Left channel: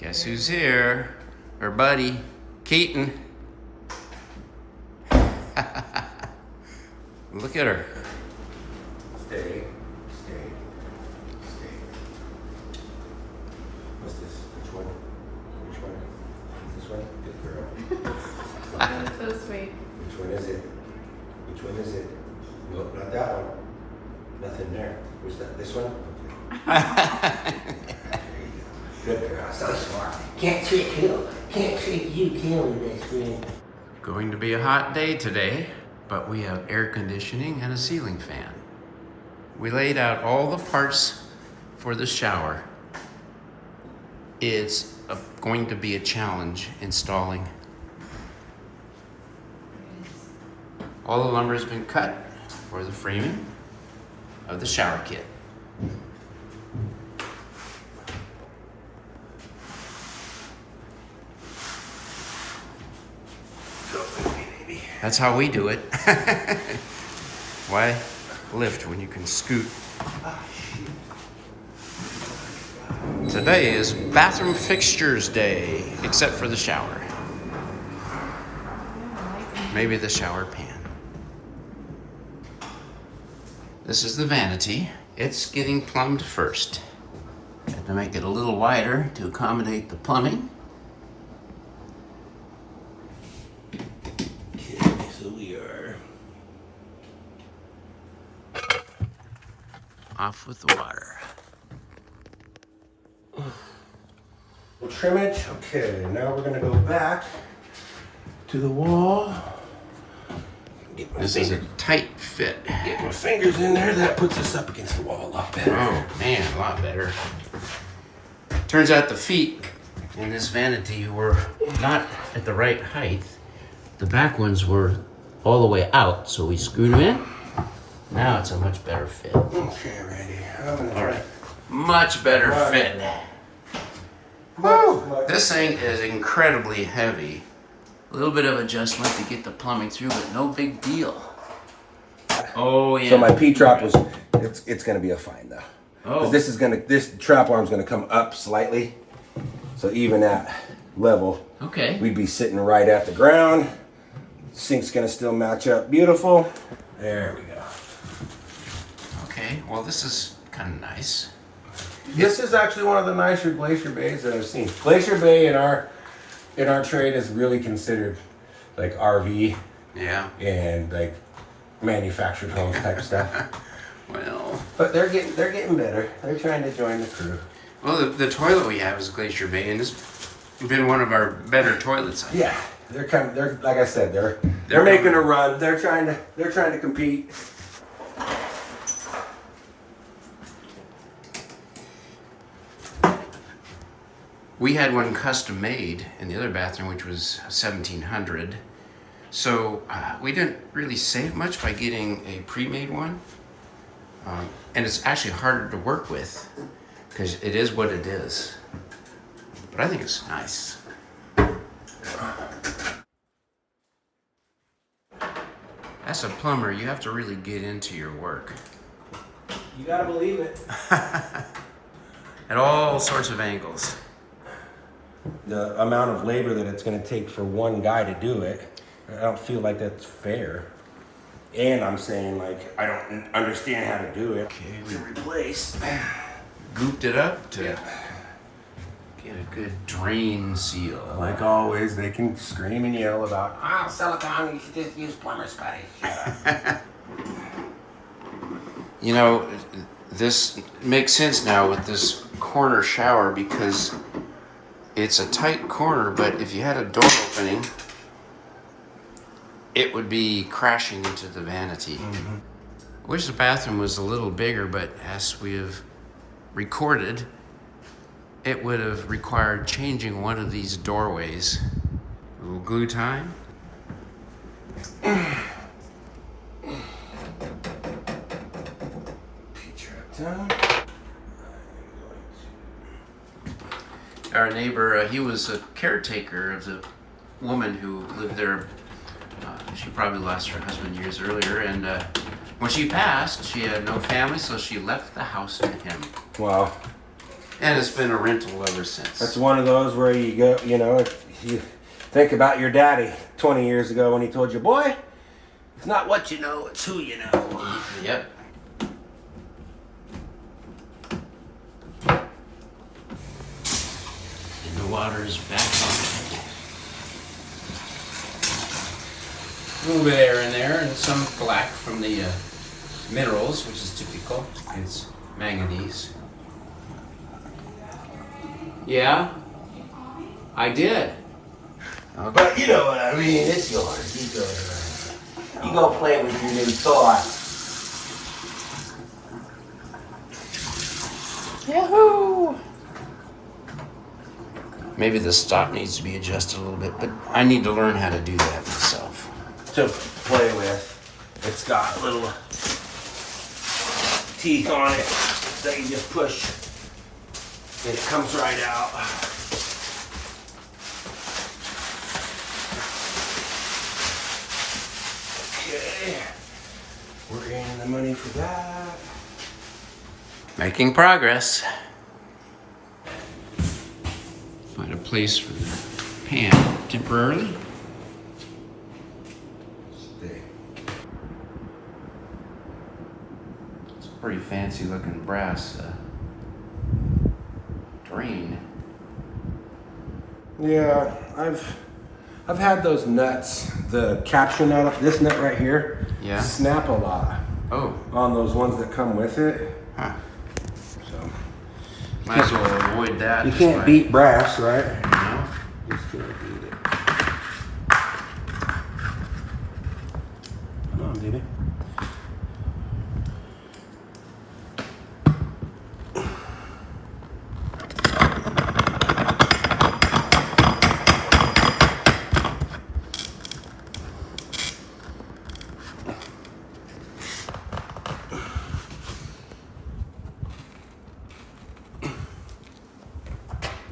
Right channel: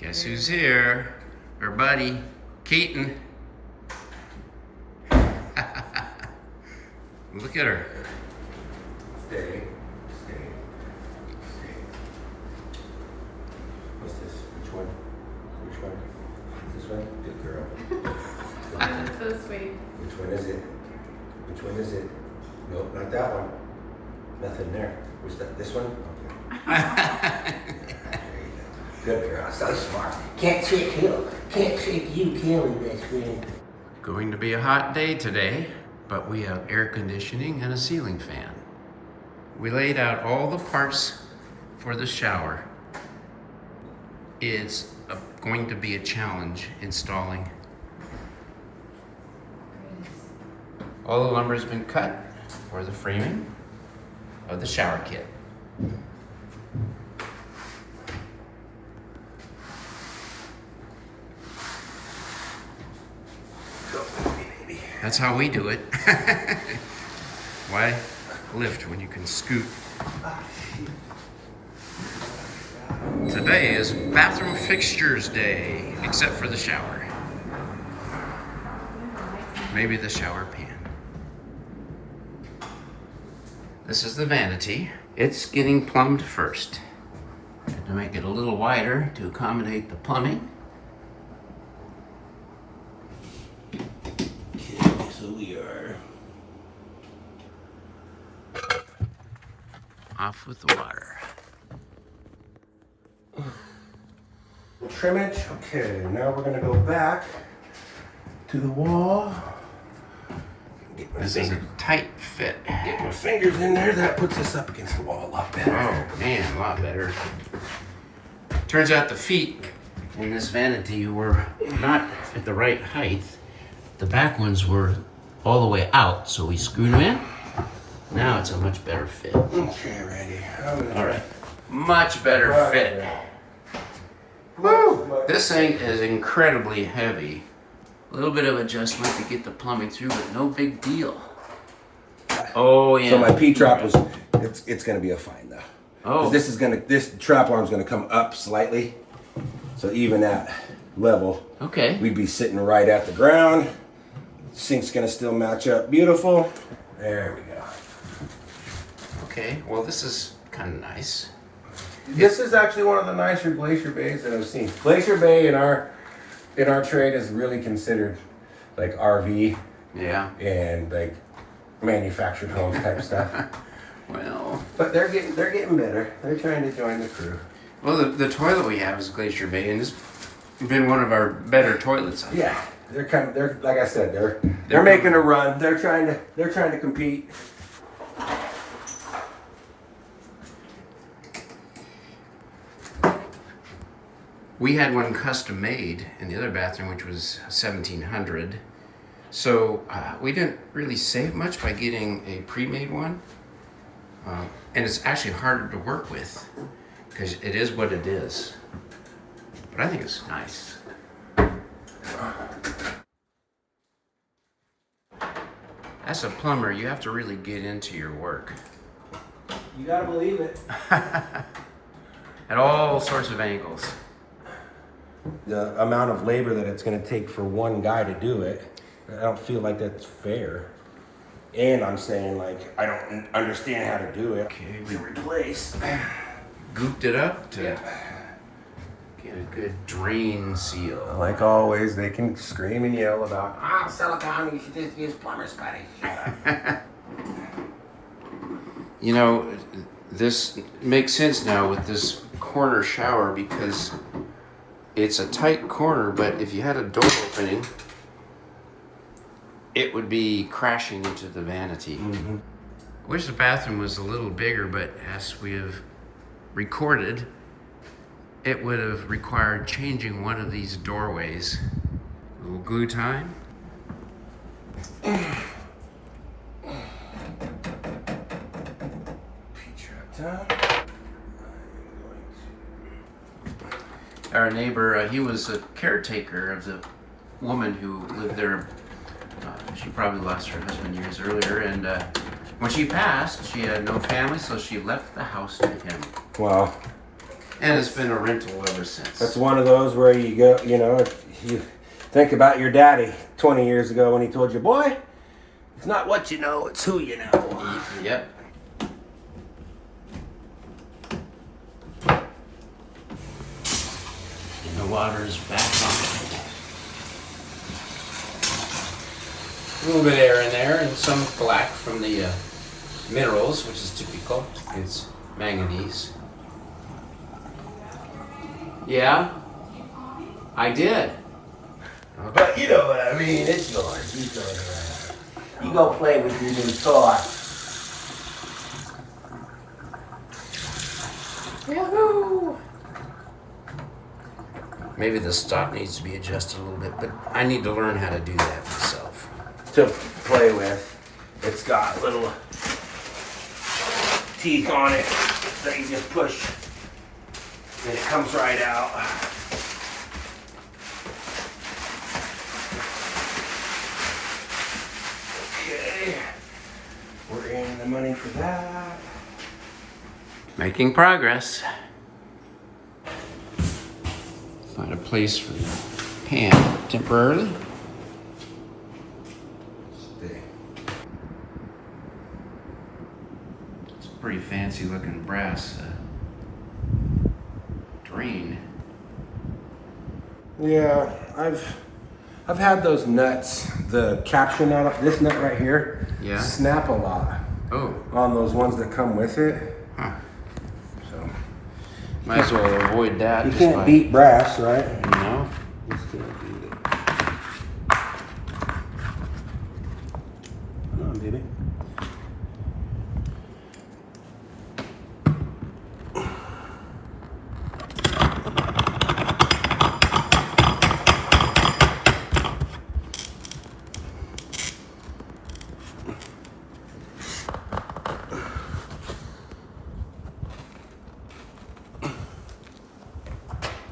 Guess who's here? Our buddy, Keaton. Look at her. Stay. What's this? Which one? This one? Good girl. That's so sweet. Which one is it? Nope, not that one. Nothing there. Where's that? This one? Okay. There you go. Good girl. So smart. Can't trick you, can we, best friend? Going to be a hot day today, but we have air conditioning and a ceiling fan. We laid out all the parts for the shower. It's going to be a challenge installing. All the lumber has been cut for the framing of the shower kit. That's how we do it. Why lift when you can scoot? Today is bathroom fixtures day, except for the shower. Maybe the shower pan. This is the vanity. It's getting plumbed first. I had to make it a little wider to accommodate the plumbing. Okay, so we are Off with the water. trimmage. Okay, now we're gonna go back to the wall. This is a tight fit. Get my fingers in there. That puts us up against the wall a lot better. Oh man, a lot better. Turns out the feet in this vanity were not at the right height. The back ones were all the way out, so we screwed them in. Now it's a much better fit. Okay, Randy. All right, much better fit. Woo! This thing is incredibly heavy. A little bit of adjustment to get the plumbing through, but no big deal. Oh yeah. So my P-trap was, it's gonna be a fine though. Oh. 'Cause this trap arm's gonna come up slightly. So even at level, Okay. we'd be sitting right at the ground. Sink's gonna still match up beautiful. There we go. Okay. Well, this is kind of nice. This is actually one of the nicer Glacier Bays that I've seen. Glacier Bay in our trade is really considered like RV Yeah. and like manufactured homes type stuff. Well. But they're getting better. They're trying to join the crew. Well, the toilet we have is Glacier Bay, and it's been one of our better toilets. I think. Yeah, they're like I said, they're making a run. They're trying to compete. We had one custom made in the other bathroom, which was 1700. So we didn't really save much by getting a pre-made one. And it's actually harder to work with because it is what it is. But I think it's nice. As a plumber, you have to really get into your work. You gotta believe it. At all sorts of angles. The amount of labor that it's gonna take for one guy to do it, I don't feel like that's fair. And I'm saying like I don't understand how to do it. Okay, We replace. Gooped it up to get a good drain seal. Like always, they can scream and yell about, silicone, you should just use plumber's putty. Shut up. You know, this makes sense now with this corner shower because it's a tight corner, but if you had a door opening, it would be crashing into the vanity. Mm-hmm. Wish the bathroom was a little bigger, but as we have recorded, it would have required changing one of these doorways. A little glue time. Our neighbor, he was a caretaker of the woman who lived there. She probably lost her husband years earlier, and when she passed, she had no family, so she left the house to him. Wow. And it's been a rental ever since. That's one of those where you go, you know, you think about your daddy 20 years ago when he told you, boy, it's not what you know, it's who you know. Yep. And the water's back on. A little bit of air in there and some black from the minerals, which is typical. It's manganese. Yeah, I did. Okay. But you know what I mean, it's yours. You go play with your new toy. Yahoo! Maybe the stop needs to be adjusted a little bit, but I need to learn how to do that myself. To play with. It's got little teeth on it that you just push and it comes right out. Okay, we're in the money for that. Making progress. Find a place for the pan temporarily. Stay. It's a pretty fancy looking brass drain. Yeah, I've had those nuts, the capture nut, this nut right here, Yeah. snap a lot Oh, on those ones that come with it. huh. So Might as well avoid that. you just can't by- beat brass, right? You know? Just gonna beat it. Come on, baby.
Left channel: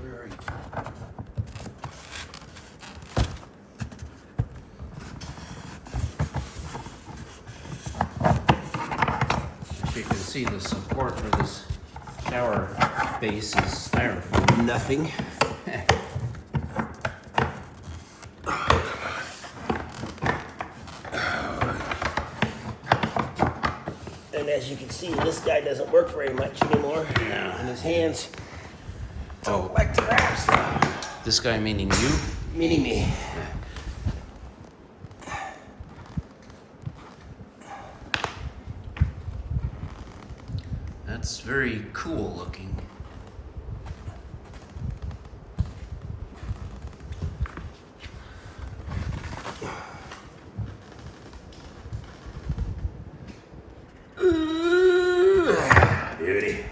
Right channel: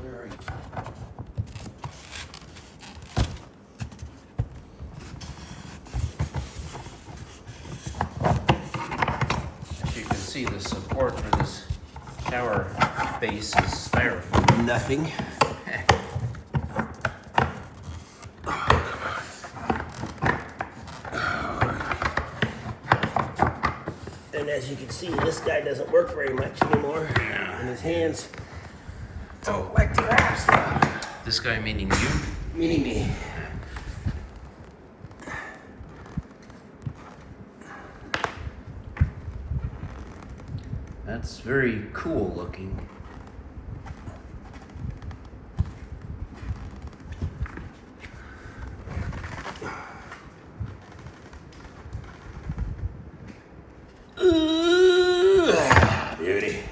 Where are you? As you can see, the support for this shower base is styrofoam. Nothing. And as you can see, this guy doesn't work very much anymore. And his hands don't like to grab stuff. This guy meaning you? Meaning me. That's very cool looking. Beauty.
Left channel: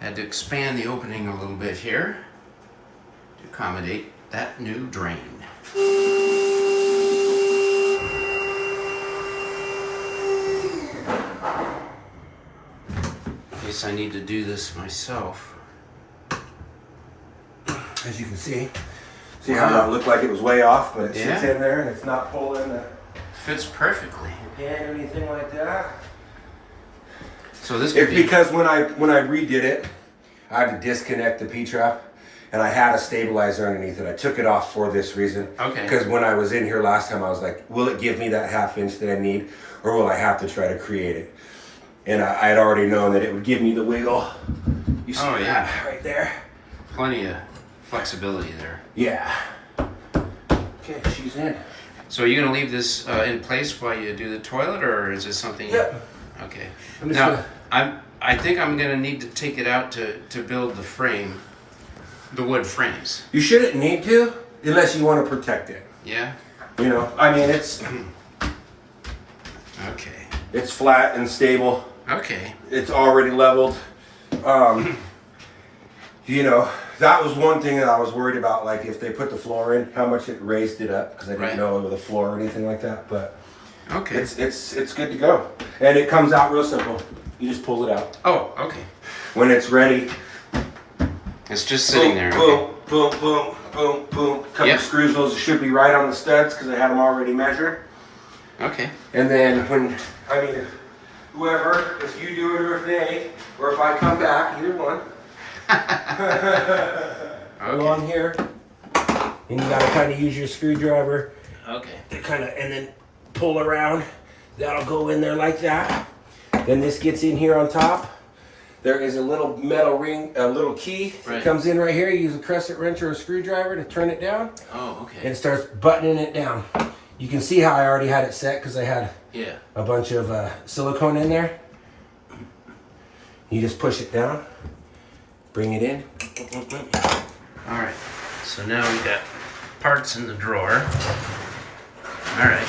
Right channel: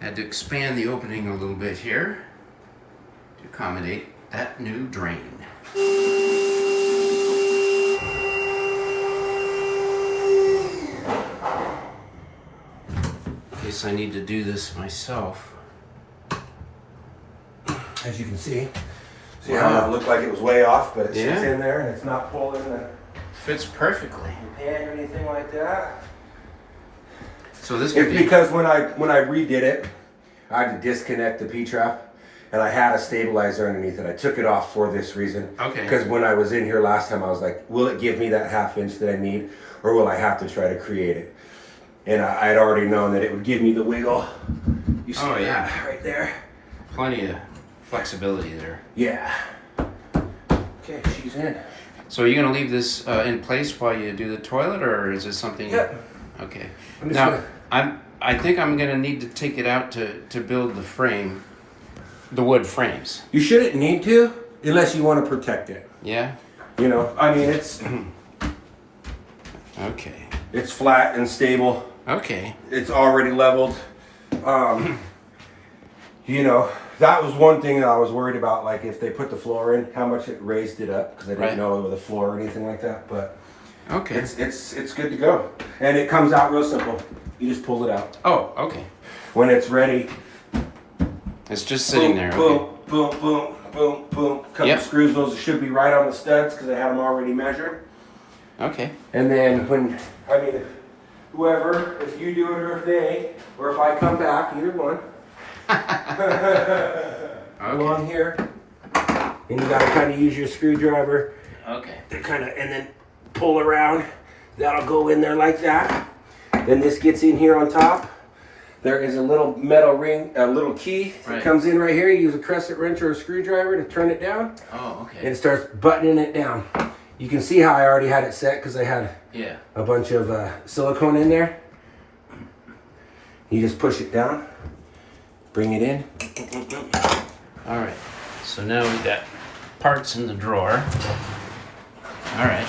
Had to expand the opening a little bit here to accommodate that new drain. In case I need to do this myself. As you can see how it looked like it was way off, but it sits Yeah. in there and it's not pulling the Fits perfectly. pan or anything like that. So this could It's be because when I redid it, I had to disconnect the P-trap, and I had a stabilizer underneath it. I took it off for this reason. Okay. Because when I was in here last time, I was like, will it give me that ½ inch that I need, or will I have to try to create it? And I had already known that it would give me the wiggle. You see Oh, yeah. that right there? plenty of flexibility there. Yeah. Okay, she's in. So are you gonna leave this in place while you do the toilet, or is it something? Yep. Okay. I'm just Now, gonna- I think I'm gonna need to take it out to build the frame, the wood frames. You shouldn't need to, unless you want to protect it. Yeah. You know, I mean, Okay. it's flat and stable. Okay. It's already leveled. You know, that was one thing that I was worried about, like if they put the floor in, how much it raised it up, because I didn't Right. know it was a floor or anything like that. But Okay. It's good to go. And it comes out real simple. You just pull it out. Oh, okay. When it's ready, It's just sitting there. Okay. boom, boom, boom, boom, boom. Couple Yep. screws, those should be right on the studs because I had them already measured. Okay. And then whoever, if you do it or if they, or if I come back, either one. Go on here, and you gotta kind of use your screwdriver Okay. to kind of, and then pull around. That'll go in there like that. Then this gets in here on top. There is a little metal ring, a little key that Right. comes in right here. You use a crescent wrench or a screwdriver to turn it down, Oh, and okay. it starts buttoning it down. You can see how I already had it set because I had Yeah. a bunch of silicone in there. You just push it down, bring it in. All right. So now we got parts in the drawer. All right.